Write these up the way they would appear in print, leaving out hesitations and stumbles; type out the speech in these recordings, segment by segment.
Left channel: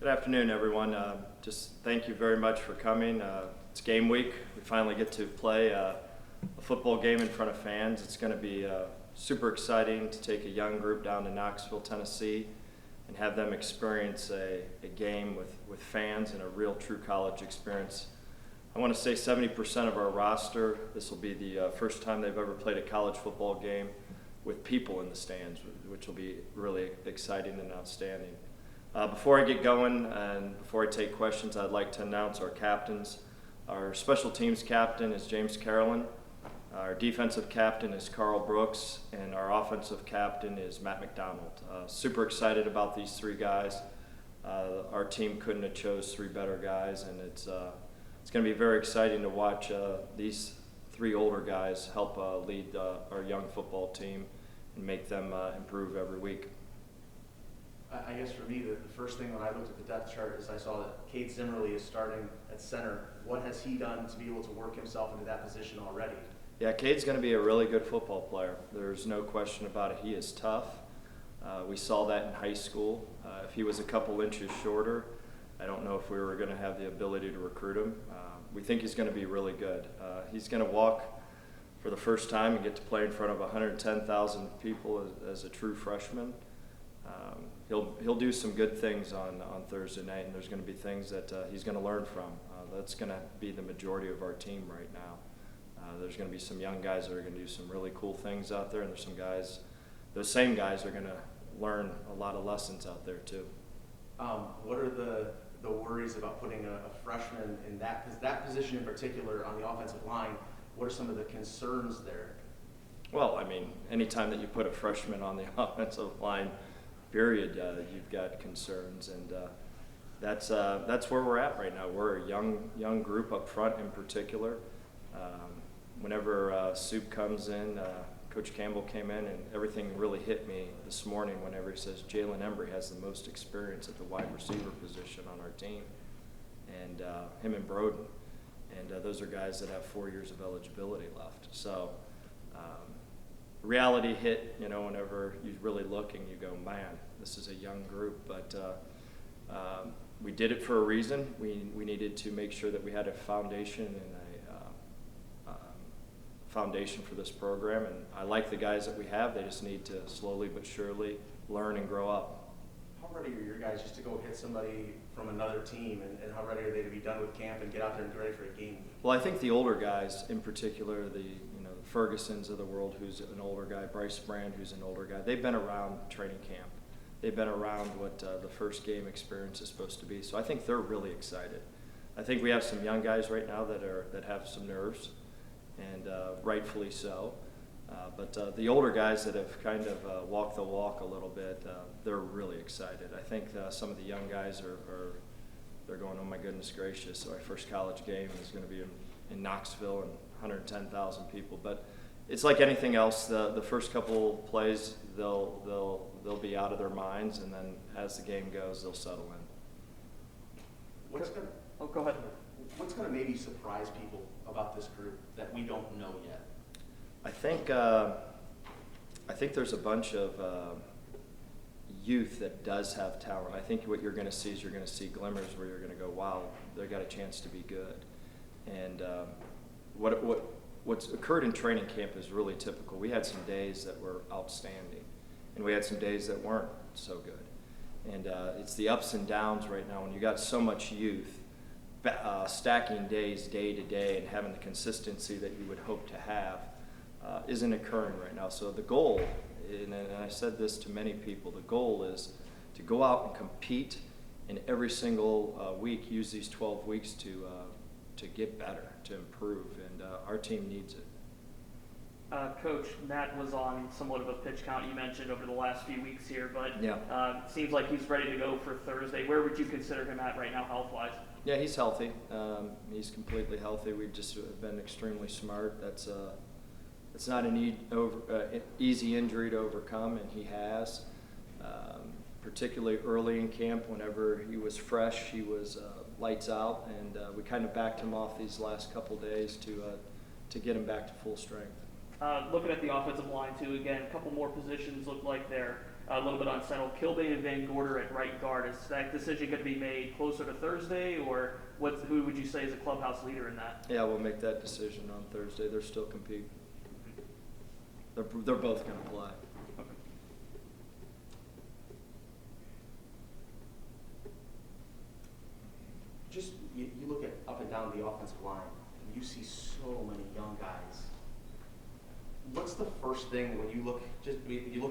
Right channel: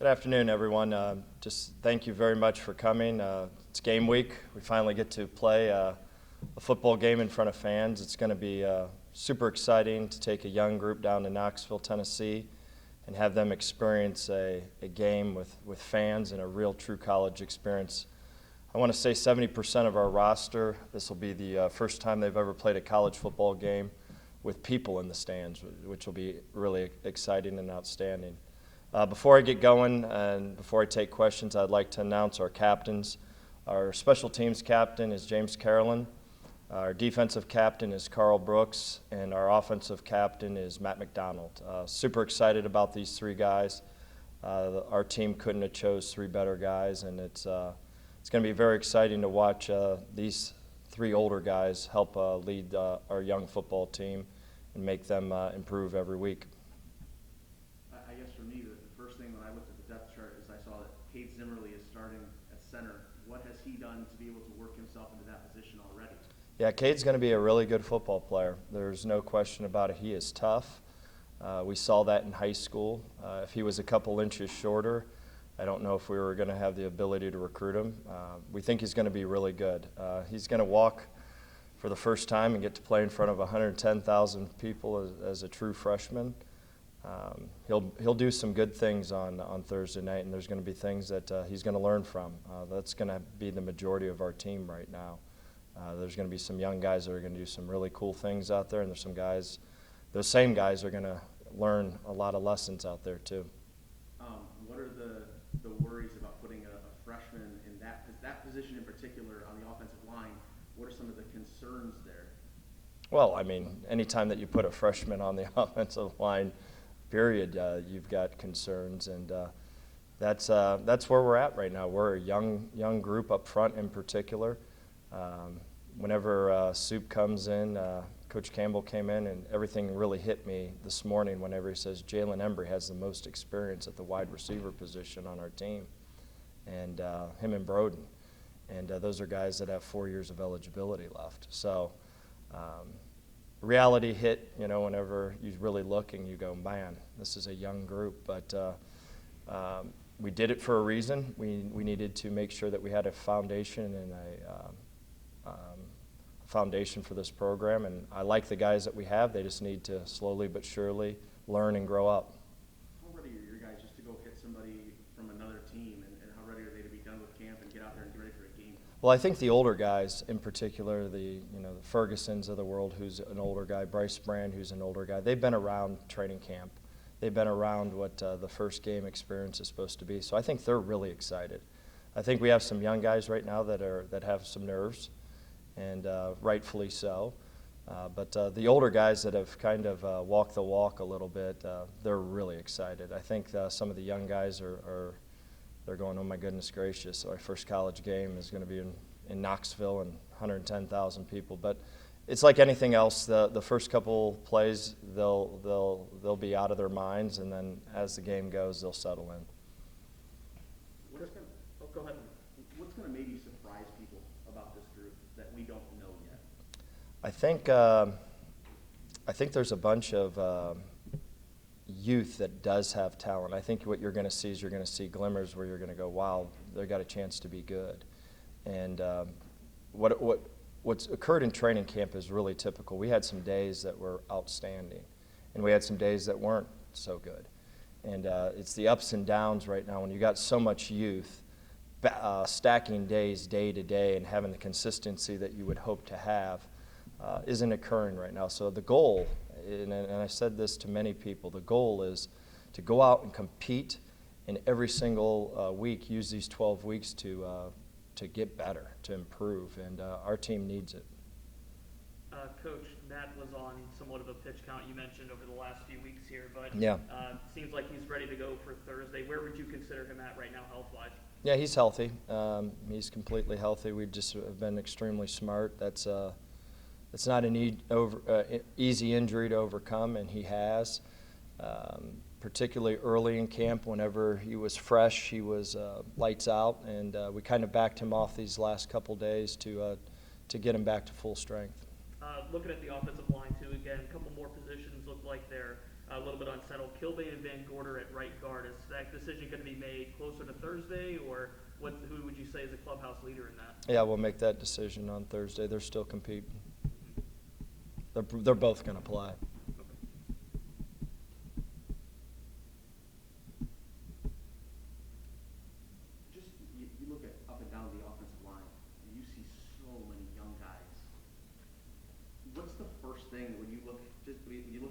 Good afternoon, everyone. Just thank you very much for coming. It's game week. We finally get to play a football game in front of fans. It's going to be super exciting to take a young group down to Knoxville, Tennessee, and have them experience a game with fans and a real true college experience. I want to say 70% of our roster, this will be the first time they've ever played a college football game with people in the stands, which will be really exciting and outstanding. Before I get going and before I take questions, I'd like to announce our captains. Our special teams captain is James Carolyn. Our defensive captain is Carl Brooks, and our offensive captain is Matt McDonald. Super excited about these three guys. Our team couldn't have chose three better guys, and it's going to be very exciting to watch these three older guys help lead our young football team and make them improve every week. I guess for me, the first thing when I looked at the depth chart is I saw that Kade Zimmerlee is starting at center. What has he done to be able to work himself into that position already? Yeah, Cade's going to be a really good football player. There's no question about it. He is tough. We saw that in high school. If he was a couple inches shorter, I don't know if we were going to have the ability to recruit him. We think he's going to be really good. He's going to walk for the first time and get to play in front of 110,000 people as a true freshman. He'll do some good things on Thursday night, and there's going to be things that he's going to learn from. That's going to be the majority of our team right now. There's going to be some young guys that are going to do some really cool things out there, and there's some guys, those same guys are going to learn a lot of lessons out there too. What are the worries about putting a freshman in that position in particular on the offensive line? What are some of the concerns there? Well, I mean, anytime that you put a freshman on the offensive line, period, you've got concerns, and that's where we're at right now. We're a young group up front in particular. Whenever Soup comes in, Coach Campbell came in, and everything really hit me this morning whenever he says Jalen Embry has the most experience at the wide receiver position on our team, and him and Broden, and those are guys that have 4 years of eligibility left. So reality hit, whenever you really look and you go, man, this is a young group, but we did it for a reason. We needed to make sure that we had a foundation and a foundation for this program, and I like the guys that we have. They just need to slowly but surely learn and grow up. How ready are your guys just to go hit somebody from another team, and how ready are they to be done with camp and get out there and get ready for a game? Well, I think the older guys, in particular, the Fergusons of the world, who's an older guy, Bryce Brand, who's an older guy, they've been around training camp. They've been around what the first game experience is supposed to be. So I think they're really excited. I think we have some young guys right now that have some nerves, and rightfully so. But the older guys that have kind of walked the walk a little bit, they're really excited. I think some of the young guys they're going, oh my goodness gracious, our first college game is going to be in Knoxville and 110,000 people. But it's like anything else. The first couple plays, they'll be out of their minds, and then as the game goes, they'll settle in. Go ahead. What's going to maybe surprise people about this group that we don't know yet? I think there's a bunch of youth that does have talent. I think what you're going to see is you're going to see glimmers where you're going to go, wow, they got a chance to be good. And what's occurred in training camp is really typical. We had some days that were outstanding, and we had some days that weren't so good. And it's the ups and downs right now when you got so much youth. Stacking days day to day and having the consistency that you would hope to have isn't occurring right now. So the goal, and I said this to many people, the goal is to go out and compete, and every single week use these 12 weeks to get better, to improve, and our team needs it. Coach, Matt was on somewhat of a pitch count you mentioned over the last few weeks here, but yeah. Seems like he's ready to go for Thursday. Where would you consider him at right now health-wise? Yeah, he's healthy. He's completely healthy. We've just been extremely smart. It's not an easy injury to overcome, and he has. Particularly early in camp, whenever he was fresh, he was lights out, and we kind of backed him off these last couple days to get him back to full strength. Looking at the offensive line too, again, a couple more positions look like they're a little bit unsettled. Kilbane and Van Gorder at right guard. Is that decision going to be made closer to Thursday, or who would you say is a clubhouse leader in that? Yeah, we'll make that decision on Thursday. They're still competing. They're both going to play. Okay. Just you look at up and down the offensive line, and you see so many young guys. What's the first thing when you look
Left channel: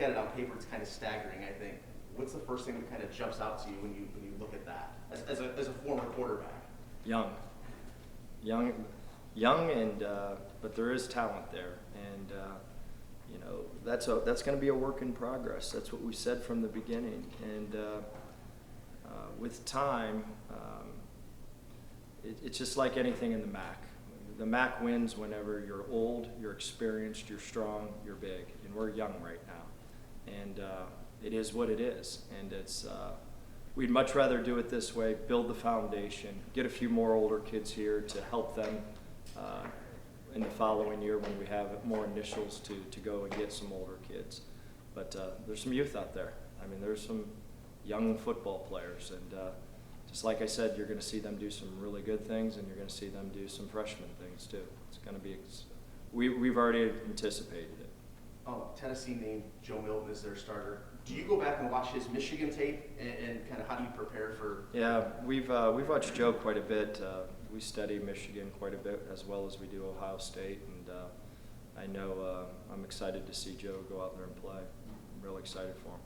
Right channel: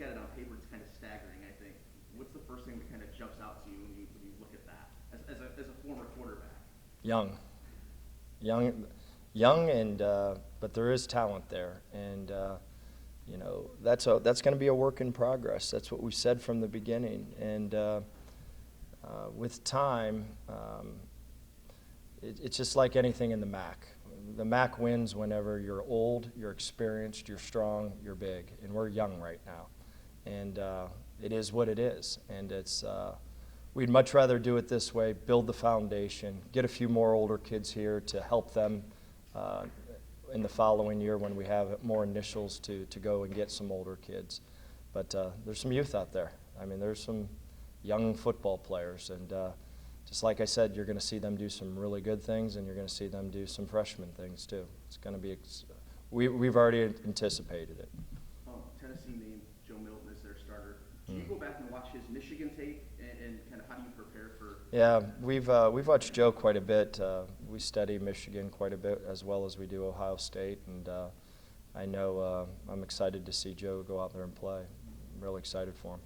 at it on paper? It's kind of staggering, I think. What's the first thing that kind of jumps out to you when you look at that as a former quarterback? Young, and but there is talent there, and you know that's going to be a work in progress. That's what we said from the beginning, and with time, it's just like anything in the MAC. The MAC wins whenever you're old, you're experienced, you're strong, you're big, and we're young right now, and it is what it is, and it's. We'd much rather do it this way, build the foundation, get a few more older kids here to help them in the following year when we have more initials to go and get some older kids. But there's some youth out there. I mean, there's some young football players, and just like I said, you're going to see them do some really good things, and you're going to see them do some freshman things too. It's going to be, we've already anticipated it. Tennessee named Joe Milton as their starter. Do you go back and watch his Michigan tape, and kind of how do you prepare for? Yeah, we've watched Joe quite a bit. We study Michigan quite a bit as well as we do Ohio State, and I know I'm excited to see Joe go out there and play. I'm really excited for him.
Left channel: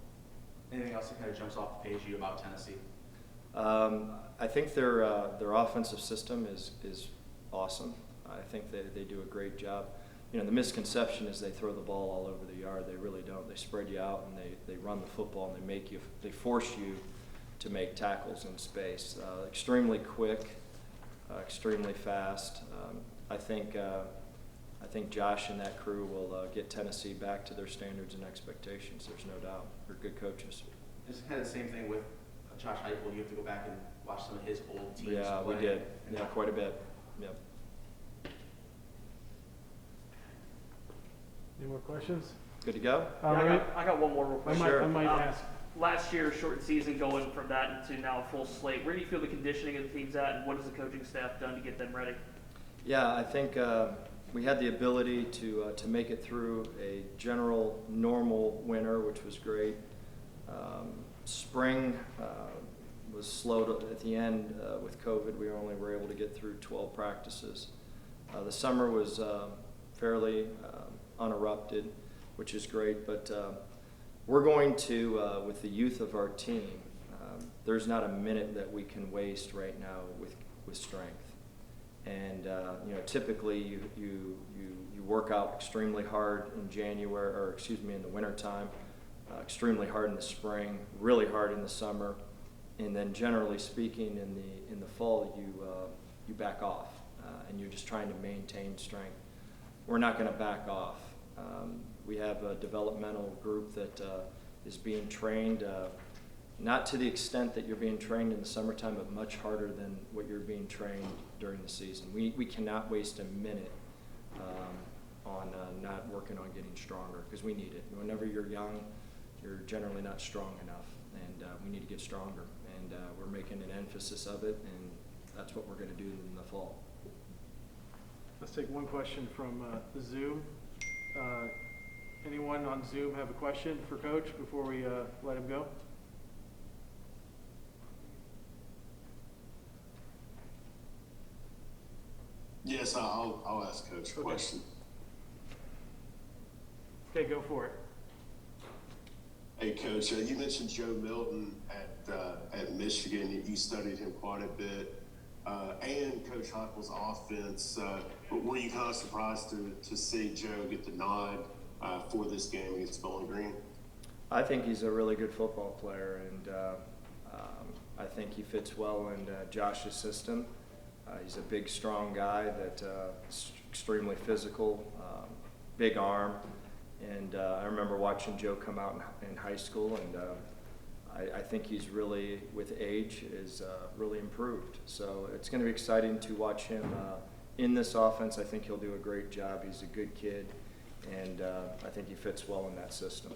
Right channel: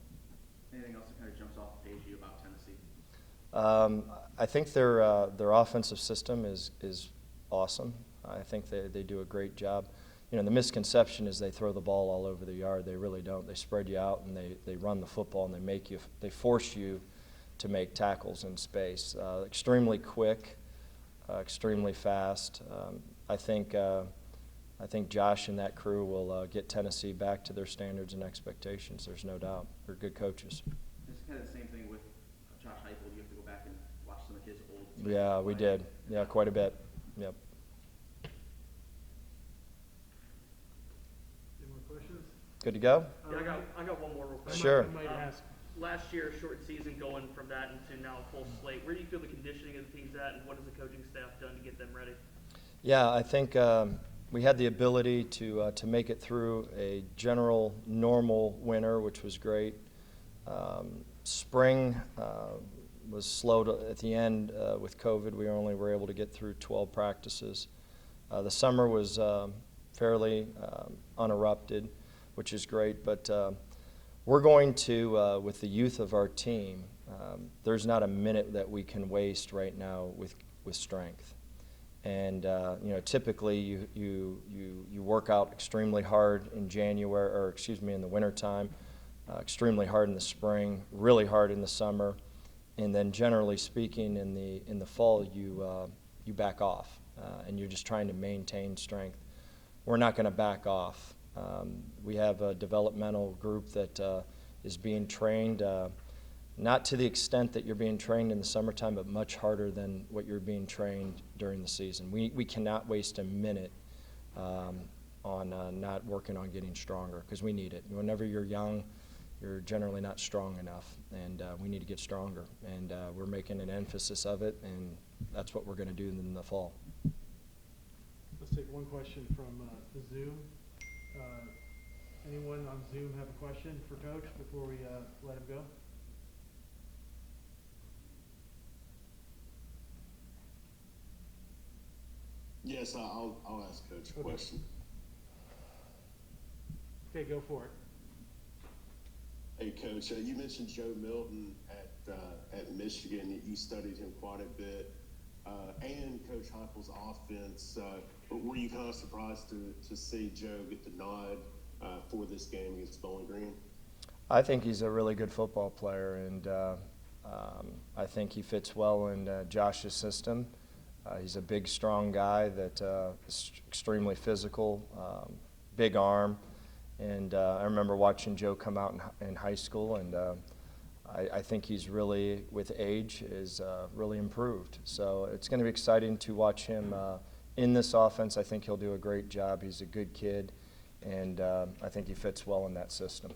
Anything else that kind of jumps off the page to you about Tennessee? I think their offensive system is awesome. I think they do a great job. You know, the misconception is they throw the ball all over the yard. They really don't. They spread you out, and they run the football, and they force you to make tackles in space. Extremely quick, extremely fast. I think Josh and that crew will get Tennessee back to their standards and expectations. There's no doubt. They're good coaches. It's kind of the same thing with Josh Heupel. You have to go back and watch some of his old teams. Yeah, we did. Yeah, quite a bit. Yep. Any more questions? Good to go? Yeah, I got one more real quick. Sure. I might ask. Last year, short season, going from that into now a full slate. Where do you feel the conditioning of the team's at, and what has the coaching staff done to get them ready? Yeah, I think we had the ability to make it through a general normal winter, which was great. Spring was slow at the end with COVID. We only were able to get through 12 practices. The summer was fairly uninterrupted, which is great. But we're going to, with the youth of our team, there's not a minute that we can waste right now with strength. And you know, typically you work out extremely hard in January, or excuse me, in the wintertime, extremely hard in the spring, really hard in the summer, and then generally speaking in the fall you back off, and you're just trying to maintain strength. We're not going to back off. We have a developmental group that is being trained, not to the extent that you're being trained in the summertime, but much harder than what you're being trained during the season. We cannot waste a minute on not working on getting stronger, because we need it. Whenever you're young, you're generally not strong enough, and we need to get stronger. And we're making an emphasis of it, and that's what we're going to do in the fall. Let's take one question from Zoom. Anyone on Zoom have a question for Coach before we let him go? Yes, I'll ask Coach a question. Okay, go for it. Hey, Coach, you mentioned Joe Milton at Michigan. You studied him quite a bit, and Coach Heupel's offense. But were you kind of surprised to see Joe get the nod for this game against Bowling Green? I think he's a really good football player, and I think he fits well in Josh's system. He's a big, strong guy that is extremely physical, big arm. And I remember watching Joe come out in high school, and I think he's really, with age, is really improved. So it's going to be exciting to watch him in this offense. I think he'll do a great job. He's a good kid, and I think he fits well in that system.